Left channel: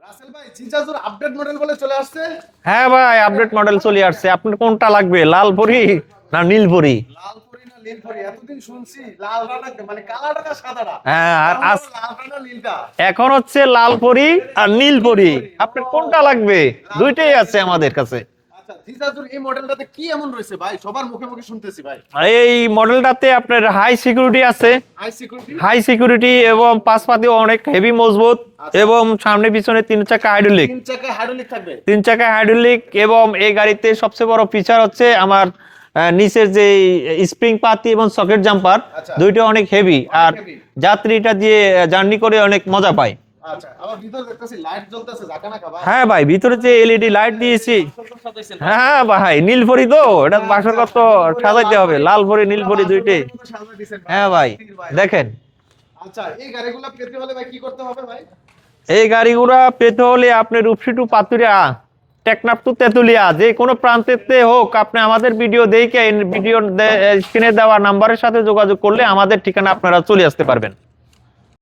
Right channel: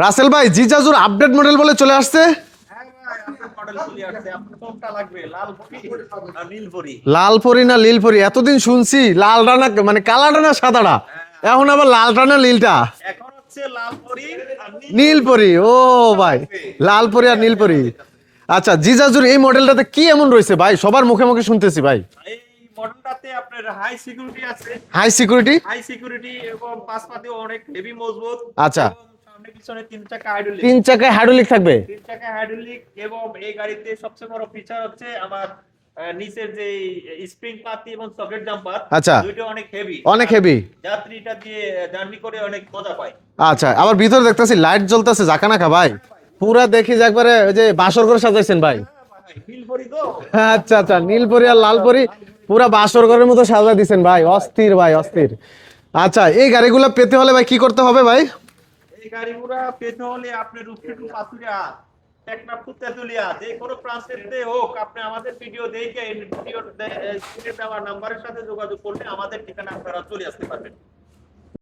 রাসেল ভাই জিজাজুর update model বলে চলে আসছে। হ্যাঁ ভাই, আপডেট মডেল চলে আসছে। আপনার কোনটা লাগবে, লাল পরি না নীল পরি? লাল পরি না নীল পরি? এতদিন শুনছি লালটা না মানে কালাটা না সাদাটা, হ্যাঁ, এখন আবার লালটা না নীলটা? এখন হচ্ছে লাল পরি আর নীল নীল পরি। পরি, ও আপনার কোনটা ভাই, লাগবে? লাল পরি দুইটাই আর নীল আছে পরি আমাদের কাছে। আচ্ছা, জিজাজুর এই মডেলটাতে কি এমন রয়েছে ভাই? সবার মুখে মুখে শুনতেছি ভাই। এই মডেলটাতে আপনার হাই সিকিউরিটি আছে। High security? হাই সিকিউরিটি এবং পাশপাতি অনেক হেভি মজবুত। আচ্ছা। এবং সামনে পিছনে 3 চাকা হাইড্রোলিক। 3 চাকায় হাইড্রোলিক থাকবে? 3 চাকা হাইড্রোলিক। এবং এই গাড়িতে সবচেয়ে বড় ফিচার হচ্ছে আমার নিচের যে স্প্রিং পাতি এবং সকেট জাম্পার, আচ্ছা। দুইটা অনেক হেভি, অনেক হেভি। যাত্রীটা দিয়ে জার্নি করে অনেক মজা পায়। আচ্ছা, আবার ভিতরে দেখতেছি লাইট জ্বলতেছে জাকানাকা ভাই। হ্যাঁ ভাই, ভিতরে পুরা যে দেখি এলইডি যা লাইট করে ওই যে দিয়েছি। বাসর করে সাজাইছেন ভাই। হ্যাঁ ভাই, নীলপরি তো এটা হ্যাঁ, বাসর আচ্ছা আচ্ছা, কত নীলপরি আর সাজাইতে হবে। লালপরি, লালপরি পুরা নীলপরি বাসর দুইটাই। ঘরের মতো সাজা দিছেন ভাই। হ্যাঁ ভাই, অস্থির ভাই, দেখেন। অস্থির। আচ্ছা, এই গাড়িগুলো পেতে হলে ভাই কি করতে হবে ভাই? এই গাড়িগুলা পেতে হলে আপনি রূপসী টু পাতুরিয়া, টেকনাফ টু তেতুলিয়া, যে কোনো প্রান্তেতে হোক, আপনি আমাদের ভিডিও দেখে ভিডিও স্ক্রিনে দেওয়া নাম্বারের সাথে যোগাযোগ করলে আমাদের ঠিকানা আপনারা চলে আসতে পারবেন।